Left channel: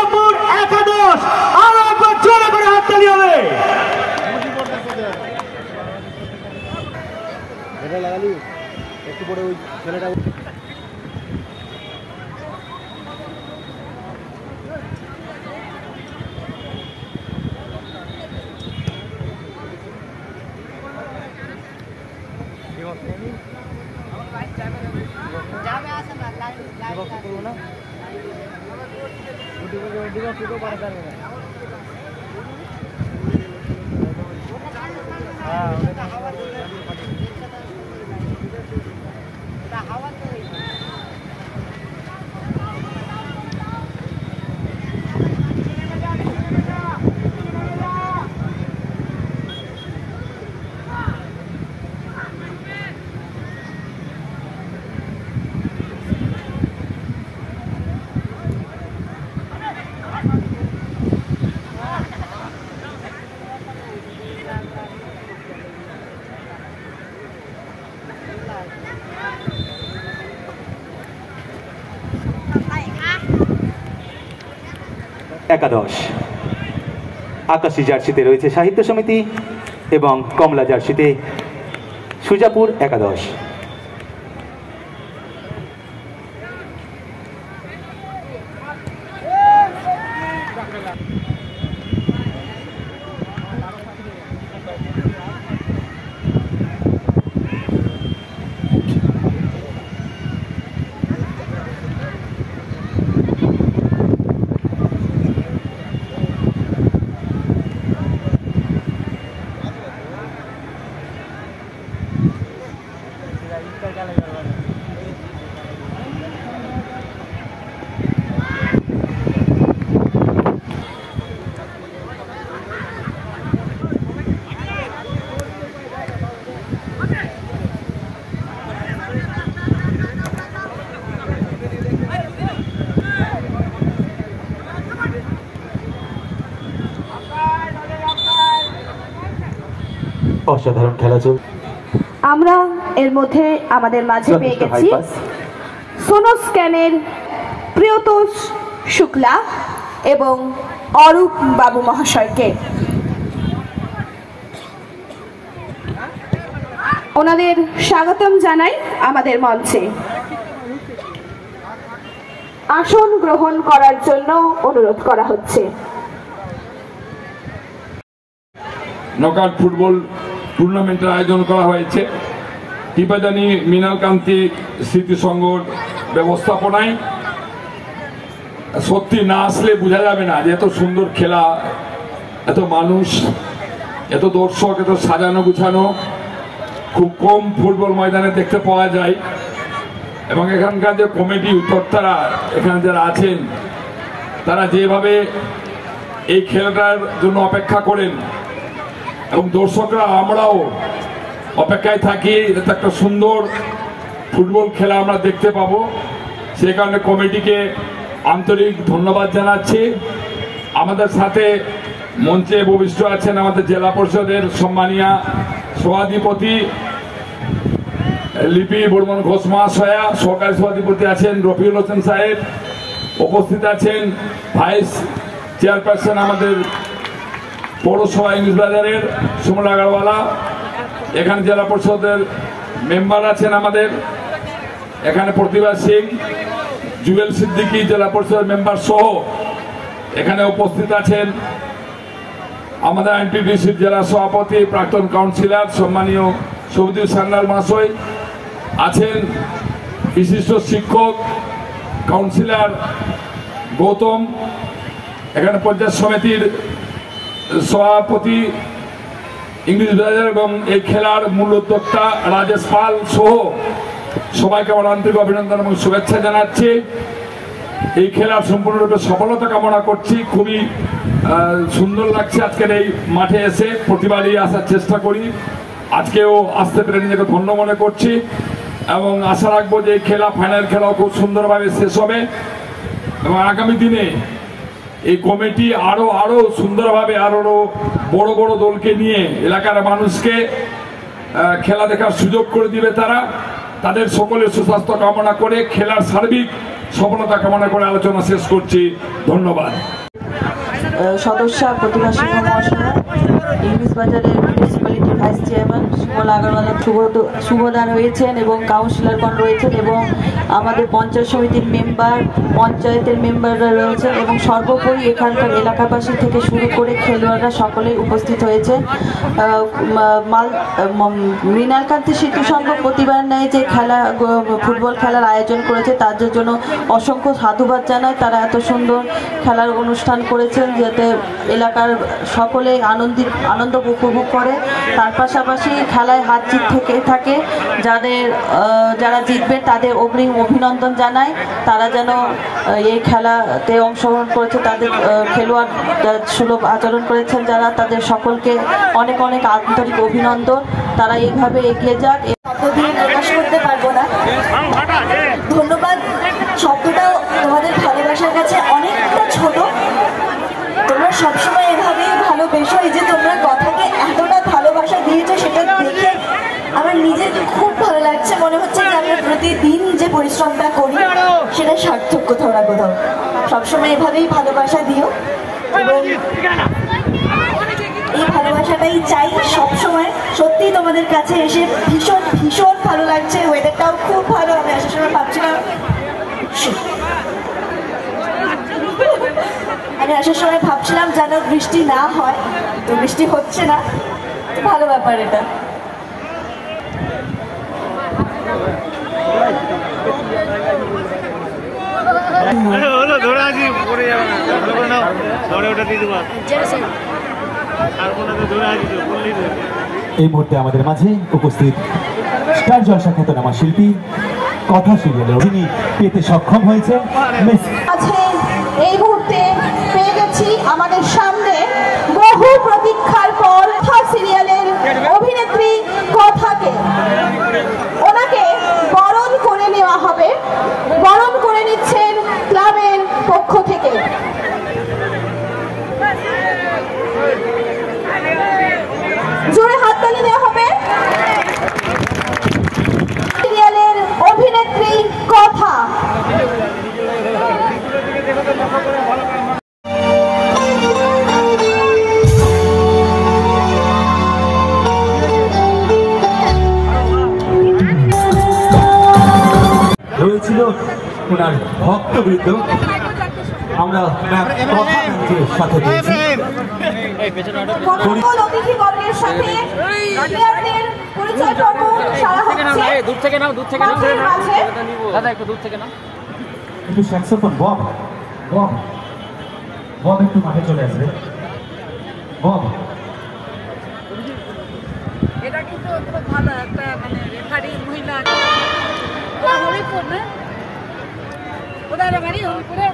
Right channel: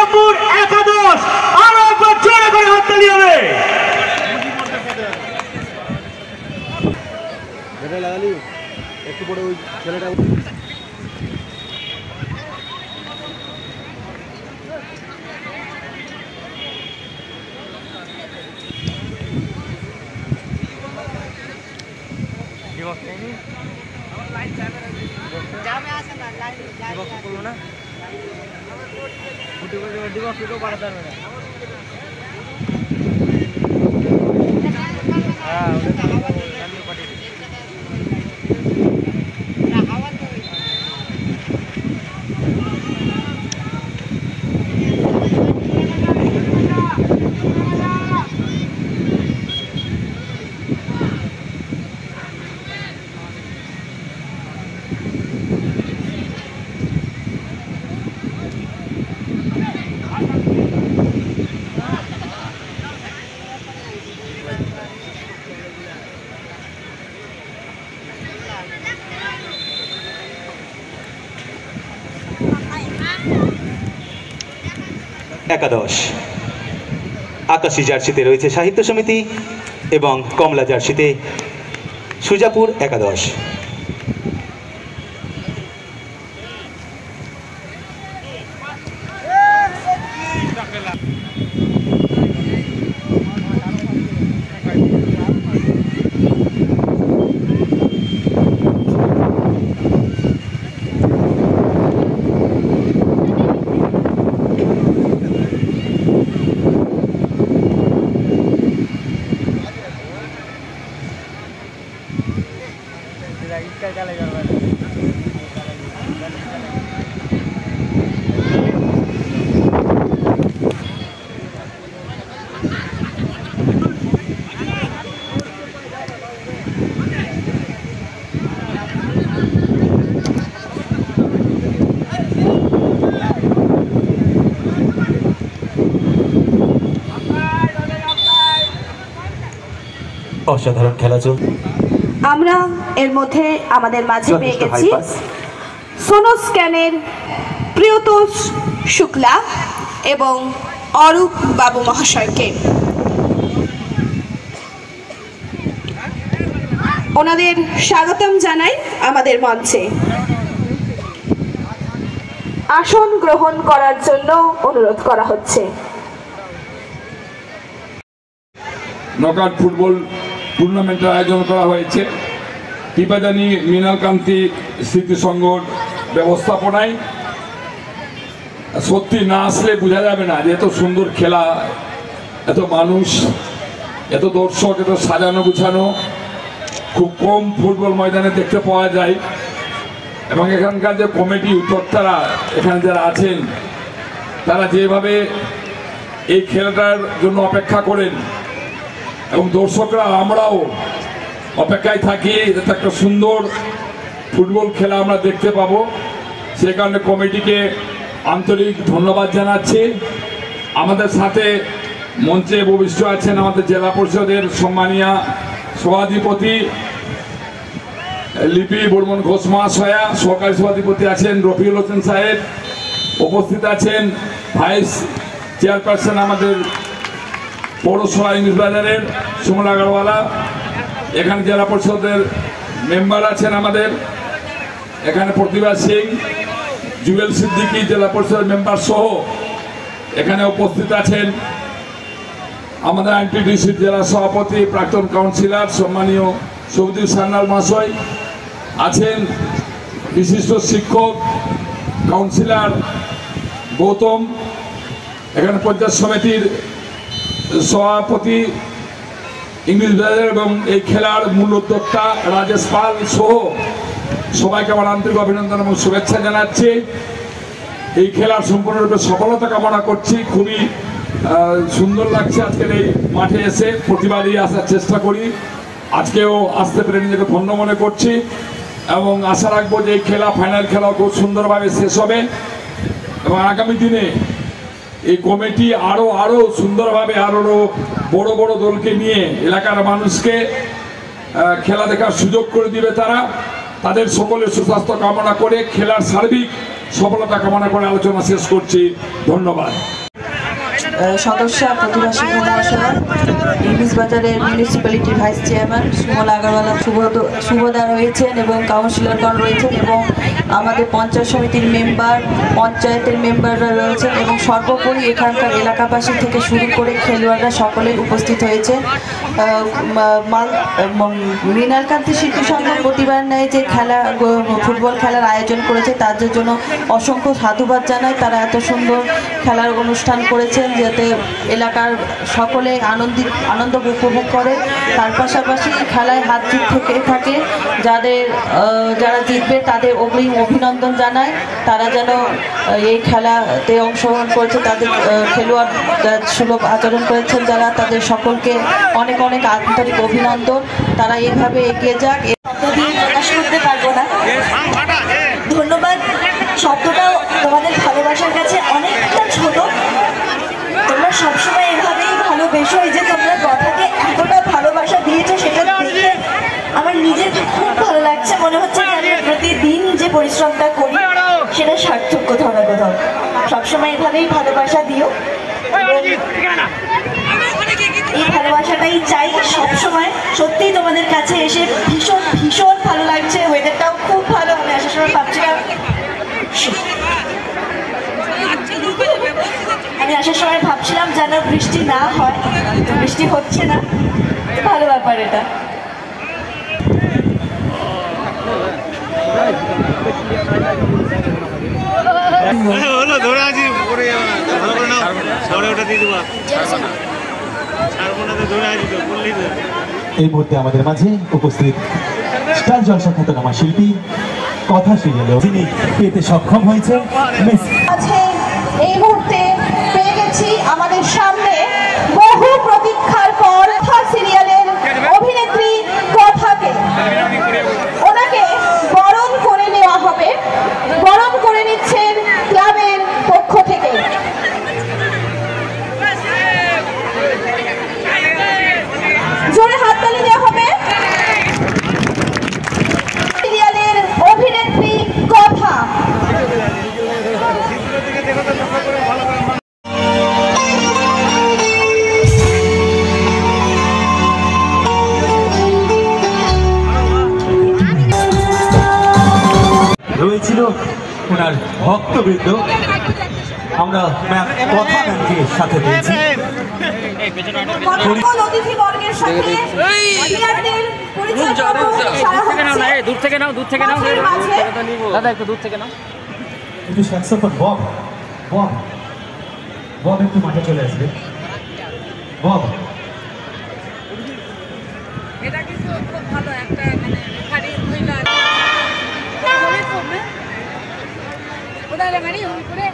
সুজাপুর একাদশ। আরো একবার জোরে করে হাততালি হবে। একটু পরে ওই ছেলেটা একাদশ। আকাশী জার্সিতে রয়েছে সাহিত্য সমিতি এবং কমলা জার্সিতে সুজাপুর একাদশ। অসাধারণ খেলা চলছে। আমরা এর মধ্যে আমাদের মাঝে পেয়ে গেছি সোনোস্ক্যানের প্রিয়তোষ শুক্লা এবং অরূপ বাবু মহাশয়কে। ওনাদের স্বাগতম জানাই আমাদের মঞ্চে। আসন গ্রহণ করার জন্য অনুরোধ করা হচ্ছে। নকআউট ফুটবল টুর্নামেন্টের আয়োজন করা হয়েছে টিপাদানি মৃণালকান্তি স্মৃতি সংঘর ব্যবস্থাপনায়। সত্যি না আসলে বোঝা যাবে না যে এত সুন্দর খেলা, এত মানুষ, এত দর্শক, এত সাজানো গুছানো খুব কম ফুটবল ময়দানে দেখতে পাওয়া যায়। এবং এখানকার যে কমিটি উদ্যোক্তারা এখানে যারা আছেন তারা যেভাবে এই খেলাটার জন্য অপেক্ষা করেন এবং দর্শকরা আমরাও অপেক্ষায় থাকি যাতে একটা সুন্দর ফুটবল খেলা আমরা দেখতে পাবো। সে কারণে কমিটিকে আন্তরিক ধন্যবাদ জানাচ্ছি। আমাদের সাথে মঞ্চে উপবিষ্ট আছেন আমাদের জেলা পরিষদের সম্মানীয় সভাধিপতি লিপি বর্মন ঘোষ মহাশয়া, সহকারী সভাধিপতি আছেন রফিউল হোসেন সাহেব, উপস্থিত আছেন ভাইস চেয়ারপারসন আমাদের পৌরসভা ইংলিশ বাজারের সুমন আগারওয়ালা, এখানে জেলা পরিষদের মেম্বার আছেন আমাদের, এখানে প্রতিভা সিং, জুবেল সিদ্দিকী জেলা পরিষদের মেম্বার সহ এখানে উপস্থিত আছেন আমাদের আইনটিডিসির জেলা সভাপতি প্রাক্তন কাউন্সিলর সম্মানীয় সবুজ সান্যাল মহাশয় আছেন, বিশিষ্ট শিক্ষক কাউন্সিলর গৌতম, এখানে পঞ্চায়েত সমিতির সভাপতি ইংলিশ বাজার এবং এই খেলার মূল উদ্যোক্তা রাজেশ পাল সহ সবাইকে আমার আন্তরিক অভিনন্দন এবং শুভেচ্ছা জানাচ্ছি। এই খেলার সম্পূর্ণরূপে সফলতা কামনা করছি। খুবই সুন্দর লাগছে আজকের এই মাঠে এসে, প্রতিবারই আসার চেষ্টা করি, আজকেও আসতে পেরে নিজেকে ধন্য মনে করছি এবং আশা রাখবো যে এই খেলা ফাইনাল খেলাও খুব সুন্দরভাবে শেষ হবে এবং আগামী দিনে এই কমিটি আরো সুন্দরভাবে আরো বড় বড় দলকে নিয়ে এলাকার মানুষকে খেলা দেখার সুযোগ করে দিবে। তাদের সকলের সুস্বাস্থ্য কামনা করে খেলার সার্বিক সফলতা কামনা করে আলোচনা শেষ করছি। ধন্যবাদ। সদস্যা প্রতিভা সিংহ মহাশয়া, ইংলিশ বাজারের মিউনিসিপ্যালিটির ভাইস চেয়ারম্যান সুমল আগরওয়ালা সুভদার রয়েছেন এবং কাউন্সিলরগণ রয়েছেন এবং আমাদের পঞ্চায়েত সমিতির মেম্বার, পঞ্চায়েতের মেম্বাররা রয়েছেন এবং সর্বোপরি এখানকার এলাকাবাসী থেকে শুরু করে খেলোয়াড়রা সকলেই উপস্থিত হয়েছেন। মৃণালকান্তি শিল্পী সংঘ প্রতিবার ন্যায় যে ফুটবল খেলার আয়োজন করেছে তার জন্য অসংখ্য সাধুবাদ জানায়। তারা এত সুন্দর খেলার অনুষ্ঠান করেছেন যাতে এলাকার সকলে আনন্দ উপভোগ করে। তার পাশাপাশি খেলায় হার জিত থেকে থাকে, যারা জিতবে তাদের অগ্রিম অভিনন্দন জানায়। তারা যেন এই খেলাতে অংশগ্রহণ করেছে তাদের খেলোয়াড় সুলভ আচরণ করেছেন যারা, তাদের সকলকে অনেক অনেক আন্তরিক অভিনন্দন। তারা এইভাবে এগিয়ে যাক। প্রকাশ করতে পারবো না। ধন্যবাদ শব্দটা তোমাদের ভালোবাসার কাছে অনেকটা ছোট। তোমরা সবসময় এভাবেই ভালোবেসো। এই যে তোমরা কথাকে এতটা ভালোবাসা দিয়েছো সেটা দেখে আমার নিজের খুব ভালো লাগছে। মনে হচ্ছে যে আমি প্রতিদিন যে পরিশ্রমটা করি সেটা সার্থক কোথাও না কোথাও। সবসময় এভাবেই ভালোবাসা দিও এবং এই ভালোবাসাটাই চাই সবসময়। সত্যিই তোমাদের কাছে এসে ভীষণ ভীষণ ভালো লাগছে। ওয়েদারটাও খুব ভালো। আমি আসার সময় ভাবছিলাম যেন বৃষ্টি না হয়, তো বৃষ্টি হচ্ছে না, ভালো ব্যাপার এটা। হলো ধরে আছি, পরে যাবে না, ভালো করে নাও, পরে ওটা দিয়ে দেবো, ছাড়বো না তো, ধরে আছি তো, বললেই তো। এই মুহূর্তে আমাদের মাঝে উপস্থিত স্টার জলসা খ্যাতনামা শিল্পী কথা সিরিয়ালে যিনি পেতে সক্ষম হয়েছে। এই মুহূর্তে পেয়ে গেছি আমাদের সামনে বহু প্রতীক্ষার পর সিরিয়ালের অভিনেত্রী কথাকে। ওনাকে বরণ করে নেওয়া হবে, বরণ করে নিচ্ছেন ক্লাবের পক্ষ থেকে। জোরে হাততালি দেওয়া হবে। সিরিয়ালের অভিনেত্রী কথা। রয়েছিল ওনার ভক্তবৃন্দ। আমরা ম্যাম কথা ম্যামকে সাথে পেয়েছি। দূর থেকে নাও, দূর থেকে নাও দাদা, একটু দূর থেকে নাও। একটু সচেতন বব, বব বব একটু মাঠে চলে আসবে। বব, এটা কিন্তু খুব ভালো একটা মানে রেফারি মহিলা হরিপুর না, কোথায় রেফারি হরিপুরে।